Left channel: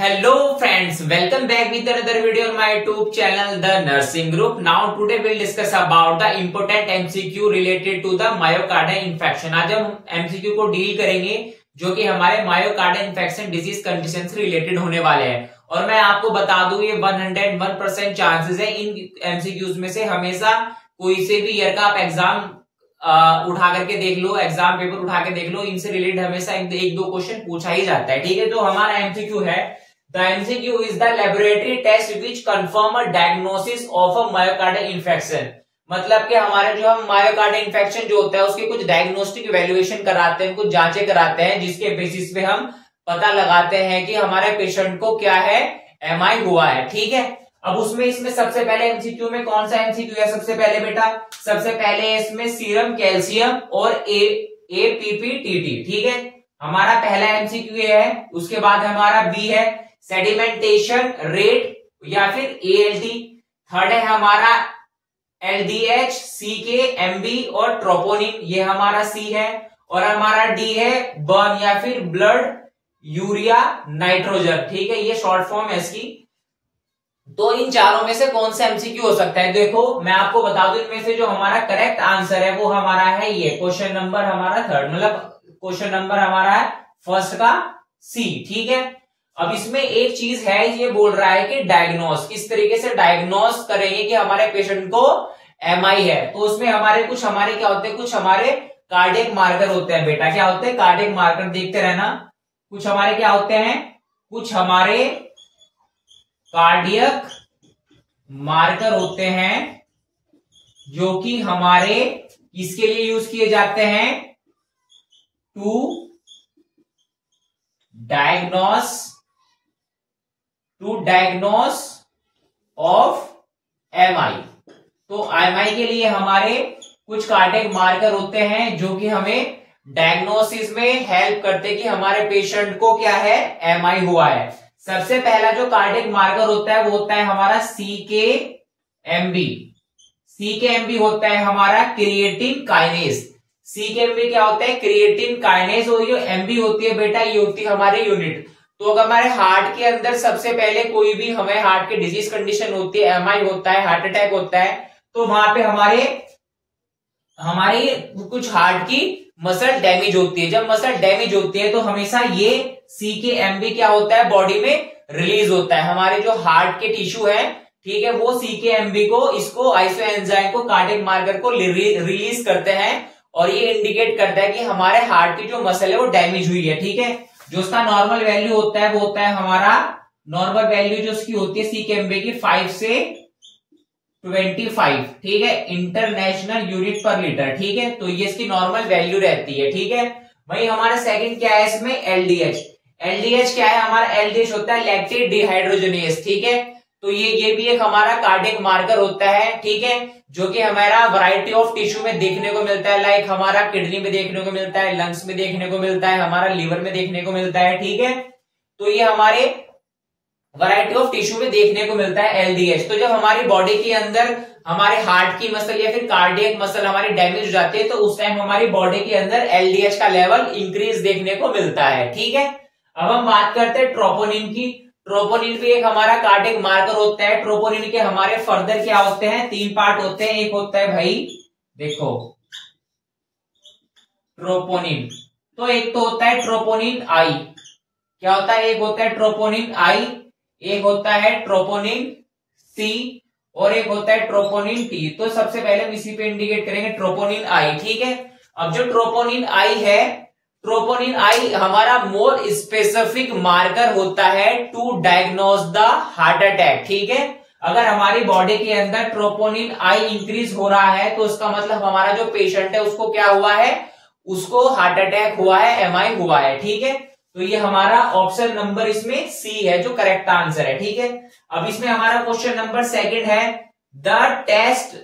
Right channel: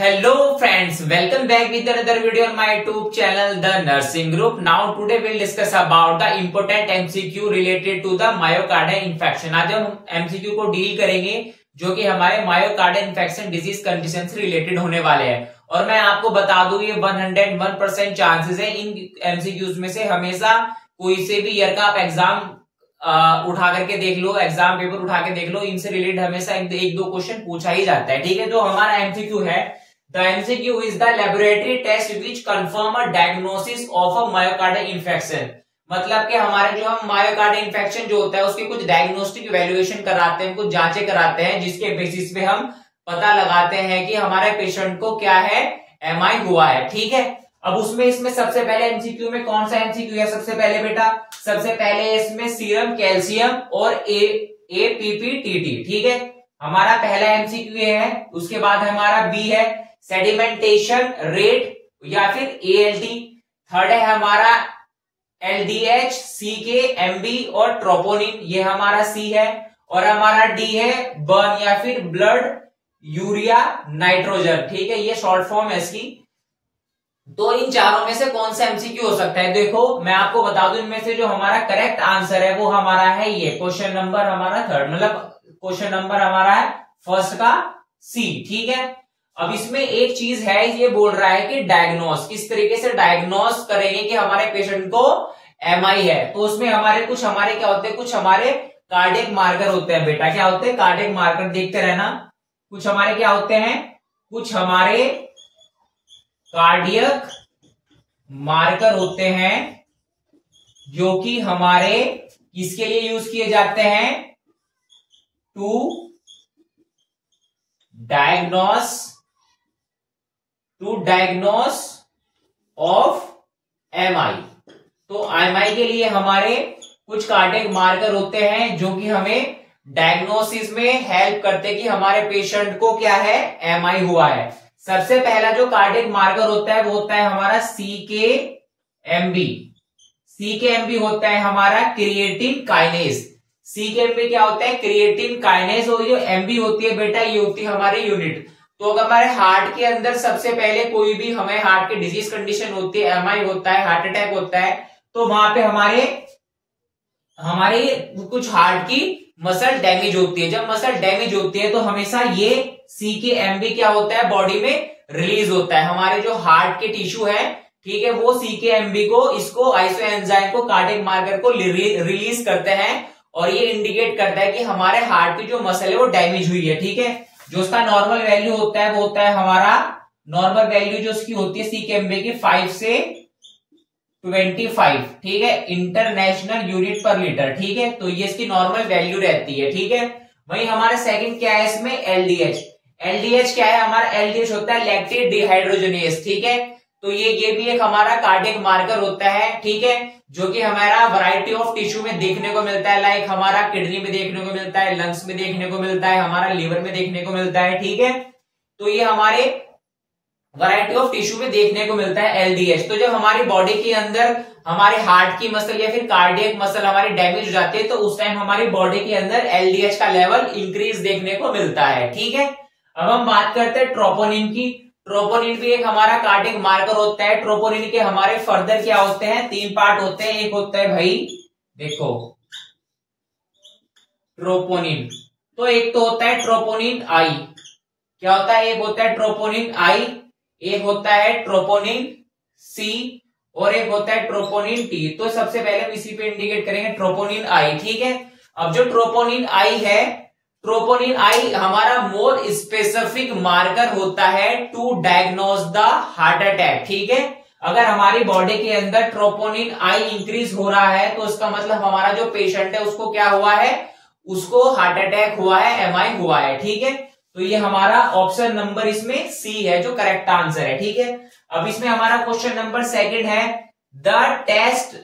Hello friends, welcome back with another video on my YouTube channel The Nursing Group. Now today we'll discuss about the important MCQ related to the myocardial infection. आज हम MCQ को deal करेंगे जो कि हमारे myocardial infection disease condition से related होने वाले हैं। और मैं आपको बता दूं ये 101% चांसेस है इन MCQs में से हमेशा कोई से भी ईयर का आप एग्जाम उठा करके देख लो, एग्जाम पेपर उठा के देख लो, इनसे रिलेटेड हमेशा एक दो क्वेश्चन पूछा ही जाता है। ठीक है, जो हमारा MCQ है, the MCQ is the laboratory test which confirm a diagnosis of a myocardial infection. मतलब कि हमारे जो हम मायोकार्डियल इन्फेक्शन जो होता है उसके कुछ डायग्नोस्टिक इवैल्यूएशन कराते हैं, कुछ जांचें कराते हैं, जिसके बेसिस पे हम पता लगाते हैं कि हमारे पेशेंट को क्या है, MI हुआ है। ठीक है, अब इसमें सबसे पहले MCQ में कौन सा MCQ है? सबसे पहले बेटा, सबसे पहले इसमें सीरम कैल्शियम और APPTT। ठीक है, हमारा पहला MCQ है। उसके बाद हमारा B है सेडिमेंटेशन रेट या फिर ALT। थर्ड है हमारा LDH, CK, MB और ट्रोपोनिन, ये हमारा C है। और हमारा D है बर्न या फिर ब्लड यूरिया नाइट्रोजन। ठीक है, ये शॉर्ट फॉर्म है इसकी। तो इन चारों में से कौन सा MCQ हो सकता है? देखो मैं आपको बता दूं, इनमें से जो हमारा करेक्ट आंसर है वो हमारा है ये क्वेश्चन नंबर हमारा थर्ड, मतलब क्वेश्चन नंबर हमारा है फर्स्ट का C। ठीक है, अब इसमें एक चीज है, ये बोल रहा है कि डायग्नोस किस तरीके से डायग्नोस करेंगे कि हमारे पेशेंट को MI है। तो उसमें हमारे क्या होते हैं, कुछ हमारे कार्डियक मार्कर होते हैं बेटा। क्या होते हैं? कार्डियक मार्कर, देखते रहना। कुछ हमारे क्या होते हैं, कुछ हमारे कार्डियक मार्कर होते हैं जो कि हमारे किसके लिए यूज किए जाते हैं? To diagnose of MI। तो MI के लिए हमारे कुछ कार्डियक मार्कर होते हैं जो कि हमें डायग्नोसिस में हेल्प करते हैं कि हमारे पेशेंट को क्या है, MI हुआ है। सबसे पहला जो कार्डियक मार्कर होता है वो होता है हमारा CKMB। CKMB होता है हमारा क्रिएटिन काइनेज। CKMB क्या होता है? Creatine kinase. और ये MB होती है बेटा, ये होती है हमारे यूनिट। तो अगर हमारे हार्ट के अंदर सबसे पहले कोई भी हमें हार्ट की डिजीज कंडीशन होती है, MI होता है, हार्ट अटैक होता है, तो वहां पे हमारे कुछ हार्ट की मसल डैमेज होती है। जब मसल डैमेज होती है तो हमेशा ये CKMB क्या होता है, बॉडी में रिलीज होता है। हमारे जो हार्ट के टिश्यू है, ठीक है, वो CKMB को, इसको आइसो एंजाइम को, कार्डियक मार्कर को रिलीज करते हैं और ये इंडिकेट करता है कि हमारे हार्ट की जो मसल है वो डैमेज हुई है। ठीक है, जो उसका नॉर्मल वैल्यू होता है वो होता है हमारा नॉर्मल वैल्यू जो उसकी होती है CKMB की 5 से 25। ठीक है, इंटरनेशनल यूनिट पर लीटर। ठीक है, तो ये इसकी नॉर्मल वैल्यू रहती है। ठीक है, वही हमारा सेकंड क्या है इसमें, LDH। LDH क्या है? हमारा LDH होता है लैक्टेट डिहाइड्रोजनेज। ठीक है, तो ये भी एक हमारा कार्डियक मार्कर होता है। ठीक है, जो कि हमारा वैरायटी ऑफ टिश्यू में देखने को मिलता है। लाइक हमारा किडनी में देखने को मिलता है, लंग्स में देखने को मिलता है, हमारा लीवर में देखने को मिलता है। ठीक है, तो ये हमारे वैरायटी ऑफ टिश्यू में देखने को मिलता है LDH। तो जब हमारी बॉडी के अंदर हमारे हार्ट की मसल या फिर कार्डियक मसल हमारी डैमेज हो जाती है तो उस टाइम हमारी बॉडी के अंदर LDH का लेवल इंक्रीज देखने को मिलता है। ठीक है, अब हम बात करते हैं ट्रोपोनिन की। ट्रोपोनिन भी एक हमारा कार्डियक मार्कर होता है। ट्रोपोनिन के हमारे फर्दर क्या होते हैं, 3 पार्ट होते हैं। एक होता है भाई देखो ट्रोपोनिन, तो एक तो होता है ट्रोपोनिन आई। क्या होता है? एक होता है ट्रोपोनिन आई, एक होता है ट्रोपोनिन C और एक होता है ट्रोपोनिन T। तो सबसे पहले हम इसी पे इंडिकेट करेंगे ट्रोपोनिन आई। ठीक है, अब जो ट्रोपोनिन आई है, ट्रोपोनिन आई हमारा मोर स्पेसिफिक मार्कर होता है to diagnose the heart attack. ठीक है, अगर हमारी बॉडी के अंदर ट्रोपोनिन आई इंक्रीज हो रहा है तो इसका मतलब हमारा जो पेशेंट है उसको क्या हुआ है, उसको हार्ट अटैक हुआ है, MI हुआ है। ठीक है, तो ये हमारा ऑप्शन नंबर इसमें C है जो करेक्ट आंसर है। ठीक है, अब इसमें हमारा क्वेश्चन नंबर सेकंड है the test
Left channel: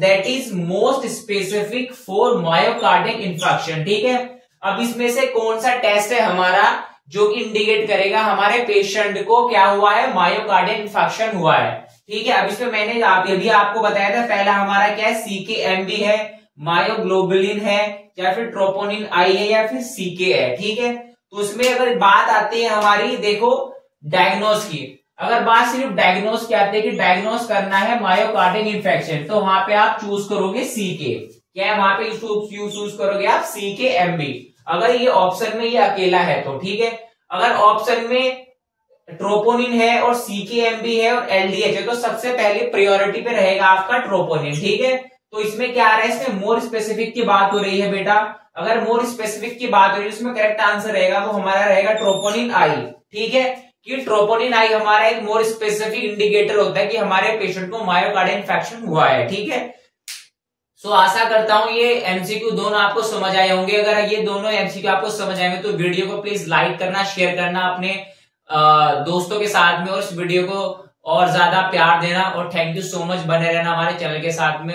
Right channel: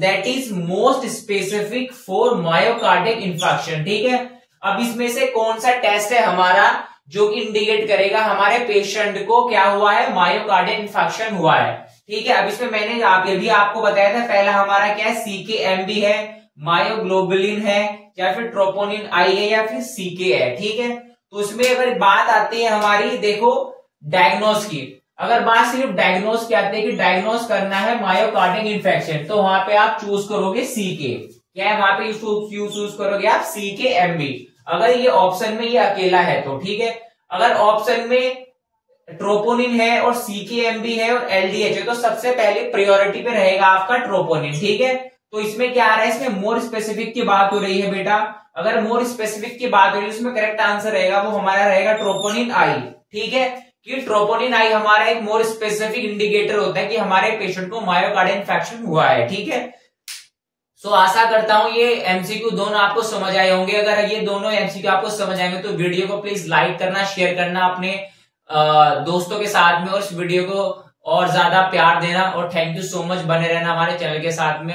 that is most specific for myocardial infection. ठीक है, अब इसमें से कौन सा टेस्ट है हमारा जो कि इंडिकेट करेगा हमारे पेशेंट को क्या हुआ है, मायोकार्डियल इन्फेक्शन हुआ है। ठीक है, अब इसमें मैंने भी आपको बताया था, पहला हमारा क्या है, CKMB है, मायोग्लोबुलिन है, या फिर ट्रोपोनिन आई है, या फिर CK है। ठीक है, तो उसमें अगर बात आती है हमारी, देखो डायग्नोज की। अगर बात सिर्फ डायग्नोज की आती है कि डायग्नोज करना है मायोकार्डियल इन्फेक्शन, तो वहां पे आप चूज करोगे सी के। क्या है वहां पे चूज करोगे आप सी के एमबी, अगर ये ऑप्शन में ये अकेला है तो, ठीक है। अगर ऑप्शन में ट्रोपोनिन है और सीकेएमबी है और एलडीएच है, तो सबसे पहले प्रायोरिटी पे रहेगा आपका ट्रोपोनिन, ठीक है। तो इसमें क्या आ रहा है, इसमें मोर स्पेसिफिक की बात हो रही है बेटा। अगर मोर स्पेसिफिक की बात हो रही है, इसमें करेक्ट आंसर रहेगा वो हमारा रहेगा ट्रोपोनिन आई, ठीक है। कि ट्रोपोनिन आई हमारा एक मोर स्पेसिफिक इंडिकेटर होता है कि हमारे पेशेंट को मायोकार्डियल इंफेक्शन हुआ है, ठीक है। सो आशा करता हूं ये एमसीक्यू दोनों आपको समझ आए होंगे। अगर ये दोनों एमसीक्यू आपको समझ आएंगे तो वीडियो को प्लीज लाइक करना, शेयर करना अपने दोस्तों के साथ में, और इस वीडियो को और ज्यादा प्यार देना। और थैंक यू सो मच, बने रहना हमारे चैनल के साथ में।